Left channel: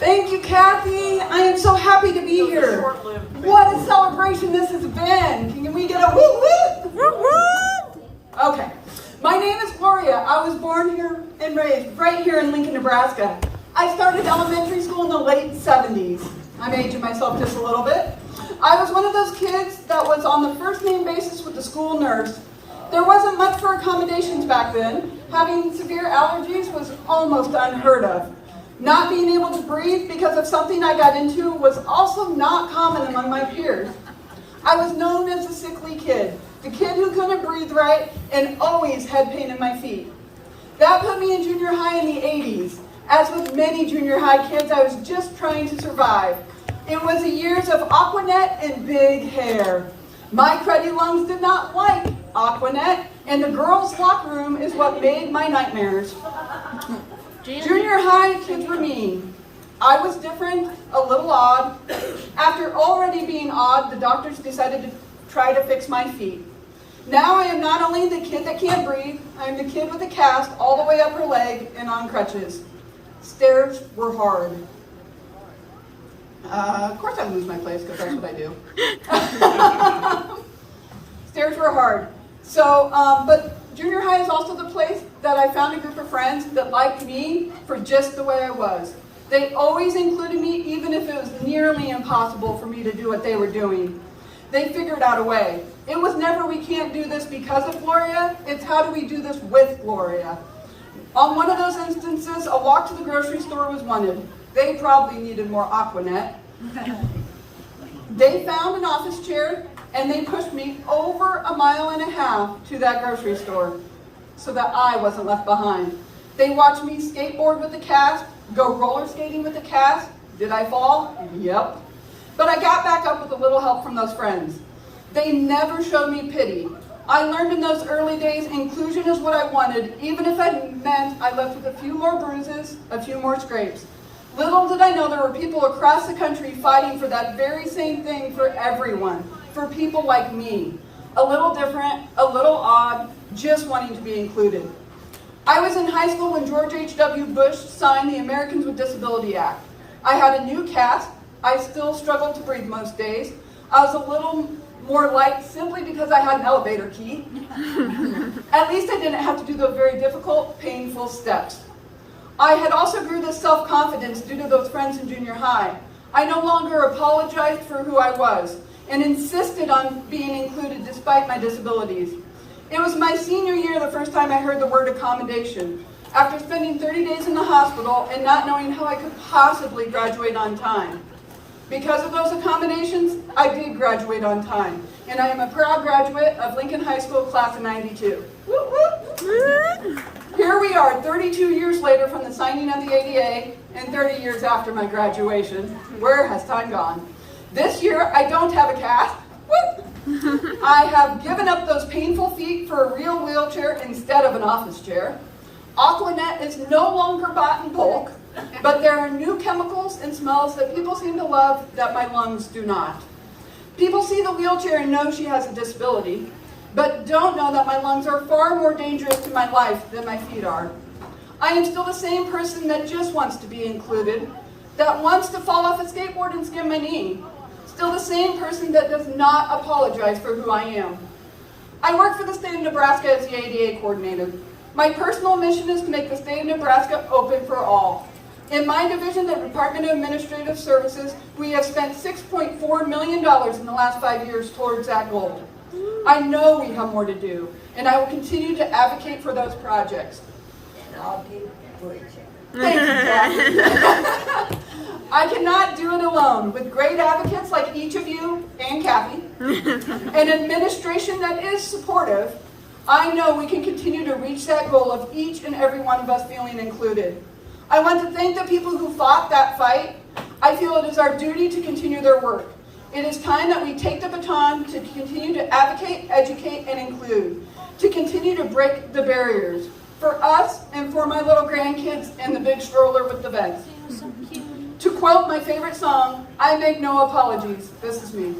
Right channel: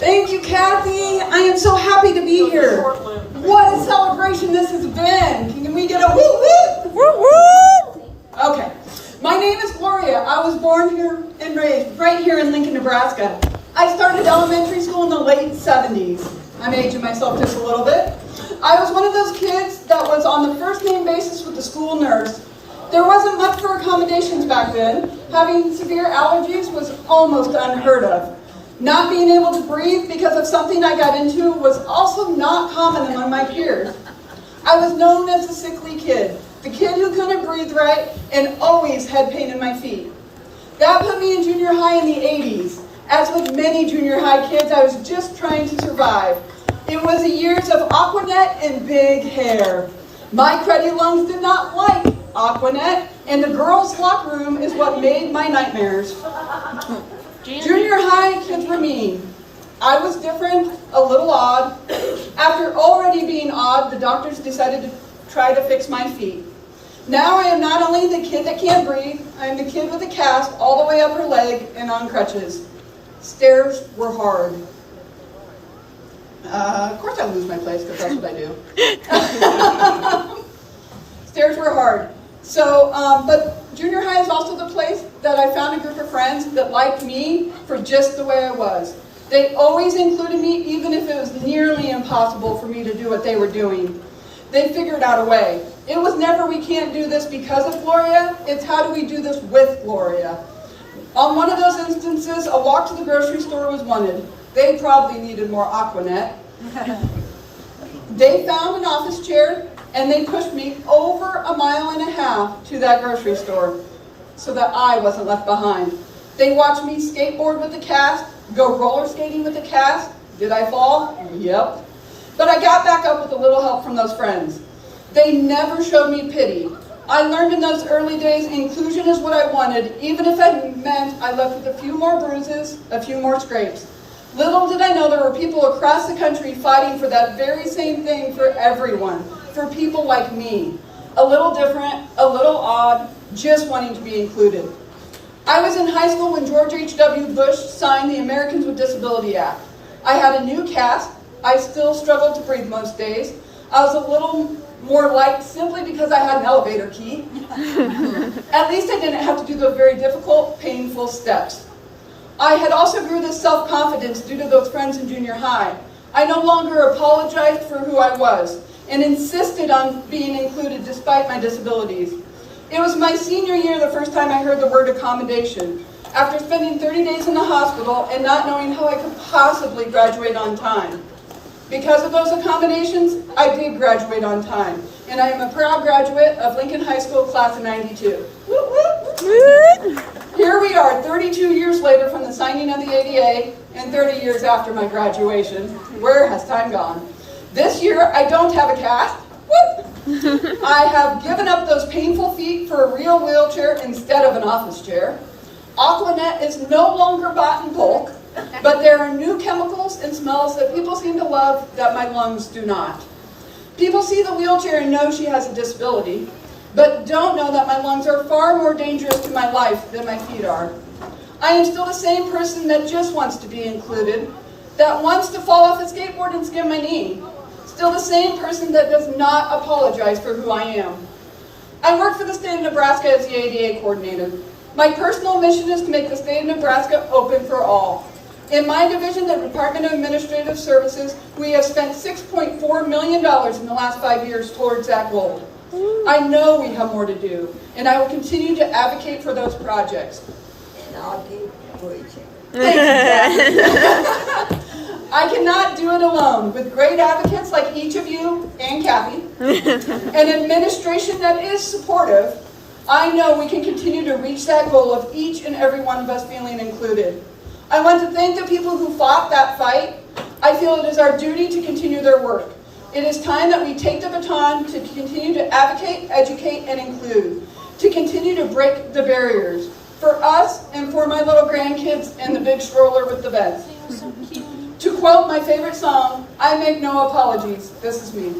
Thank you, Kathy. I am so happy to be here. What a celebration this has been. Can we get a woo woo? Woo woo! Okay. My name is Gloria. I was born here and raised right here in Lincoln, Nebraska. I started elementary school in the late 70s. I'm aging myself just a little bit. I was one of those kids that was on the first name basis with the school nurse. There wasn't much for accommodations back then. Having severe allergies was almost unheard of. Not being able to breathe because of something I got into was also not common among my peers. I was known as the sickly kid, the kid who couldn't breathe right and always had pain in my feet. That put me in junior high in the 80s. As with many junior high kids, I was just trying to survive. It was the years of Aquanet and big hair. My cruddy lungs did not like Aquanet, and the girls' locker room is what made my nightmares. Junior high kids were mean. I was different, a little odd. After already being odd, the doctors decided to try to fix my feet. Now I am not only the kid that can't breathe, I am the kid with a cast all the way up her leg and on crutches. Stairs were hard. Of course I lose my place because that's what I do. Stairs were hard. So, but junior high is also the place that I found a group of friends that liked me for just the way I was. They always included me even if it was nearly impossible for me to do what they were doing. They figured out a way. It was never we can't do this because of Gloria, it's how do we do this with Gloria. On one of those instances, a walk to the grocery store was wanted. They probably needed more Aquanet. They found an office chair and they pushed me over 1.5 miles to that grocery store so that I wasn't left behind. They watched me skateboard with the cast, go roller skating with the cast. Did I fall? Yep. But I got back up with a little help from those friends. They never showed me pity. I learned in those early days inclusion is what I wanted, even if it meant I left with a few more bruises, a few more scrapes. Little did I know there were people across the country fighting for that very same thing for everyone, for people like me. A little different, a little odd, just wanting to be included. I was in high school when George H.W. Bush signed the Americans with Disability Act. I had a new cast. I still struggled to breathe most days. I was a little more light simply because I had an elevator key. At least I didn't have to do those very difficult, painful steps. I had also grew this self-confidence due to those friends in junior high. I no longer apologized for who I was and insisted on being included despite my disabilities. It was my senior year the first time I heard the word accommodation. After spending 30 days in the hospital and not knowing how I could possibly graduate on time. Because of those accommodations, I did graduate on time, and I am a proud graduate of Lincoln High School class of 92. Woo, woo. Here we are, 32 years later from the signing of the ADA, and 30 years after my graduation. Where has time gone? This year, I don't have a cast. Woo. I have given up those painful feet for a real wheelchair instead of an office chair. Aquanet is no longer bought in bulk. But there are new chemicals and smells that people seem to love that my lungs do not. People see the wheelchair and know she has a disability, but don't know that my lungs are far more dangerous to my life than my feet are. I am still the same person that just wants to be included, that wants to fall off a skateboard and skin my knee. Still the same person that does not apologize for who I am. I work for the state of Nebraska as the ADA coordinator. My personal mission is to make the state of Nebraska open for all. In my division, the Department of Administrative Services, we have spent $6.4 million in the last 5 years towards that goal. I know we have more to do, and I will continue to advocate for those projects. And I'll do preaching. Thank you, Kathy. I cannot do it alone. With great advocates like each of you and Kathy, an administration that is supportive, I know we can continue to reach that goal of each and every one of us feeling included. I want to thank the people who fought that fight. I feel it is our duty to continue their work. It is time that we take the baton to continue to advocate, educate, and include, to continue to break the barriers, for us and for my little grandkids and the big stroller with the beds. To quote my favorite song, I make no apologies. This is me.